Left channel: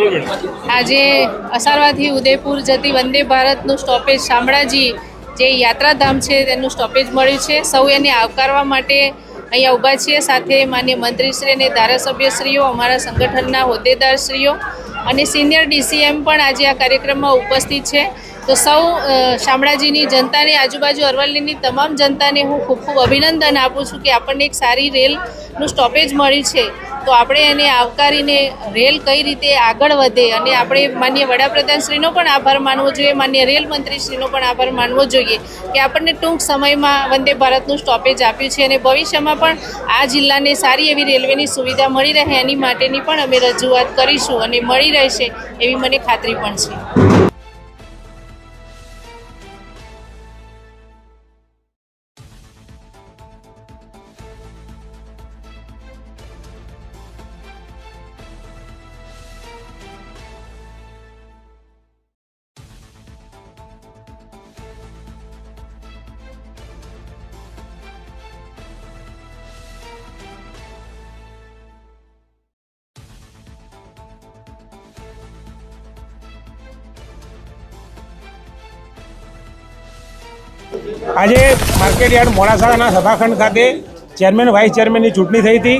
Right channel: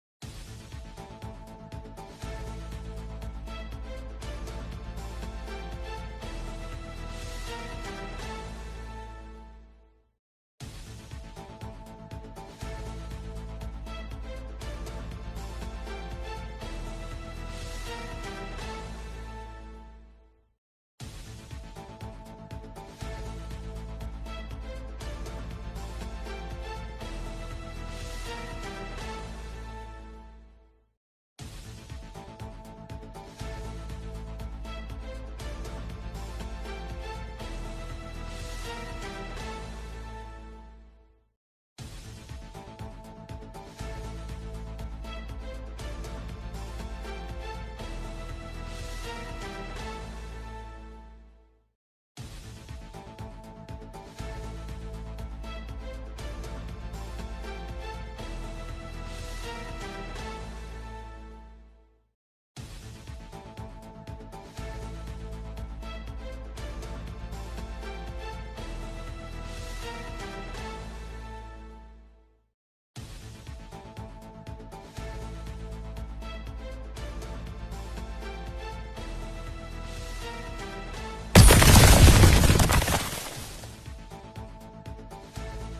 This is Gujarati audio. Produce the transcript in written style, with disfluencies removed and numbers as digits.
આજે અસારવાથી ઉદયપુર જતી વંદે ભારતનું સ્ટોપેજ શામળાજી જે યાત્રાધામ છે તેનું સ્ટોપેજ મળ્યું છે। સૌ એને આવકારવા માટે અહીંયા ઊભા છીએ। સાથે માન્ય મંત્રીશ્રી અને ધારાસભ્યશ્રીઓ, અમારા સંગઠનના હોદ્દેદારશ્રીઓ અને સિનિયર ડીસીએમ પણ આજે આ કાર્યક્રમમાં ઉપસ્થિત છે। તો સૌ શામળાજીની જનતાને, આજુબાજુ અરવલ્લીની તમામ જનતાને હું ખૂબ ખૂબ અભિનંદન આપું છું કે આપણને એક સારી રેલનું સ્ટોપેજ મળ્યું છે। તો આપણે એને આવકારીને રેલ કઈ રીતે આગળ વધે અને આપણે માન્ય વડાપ્રધાનશ્રીનો પણ આભાર માનવો જોઈએ, માન્ય રેલ મંત્રીશ્રીનો પણ આભાર માનવો જોઈએ કે આપણને ટૂંક સમયમાં વંદે ભારતનું સ્ટોપેજ આપ્યું છે અને ભવિષ્યમાં પણ આ જિલ્લાને સારી એવી રેલવેની સુવિધા મળી રહે એની માટેની પણ અમે રજૂઆત કરીશું અને મળી રહેશે એવી મને ખાતરી પણ છે। આજે માર્કેટ યાર્ડ મોડાસાના સભાખંડ ખાતે ચેરમેન વાઇસ ચેરમેનની ચૂંટણી થઈ હતી।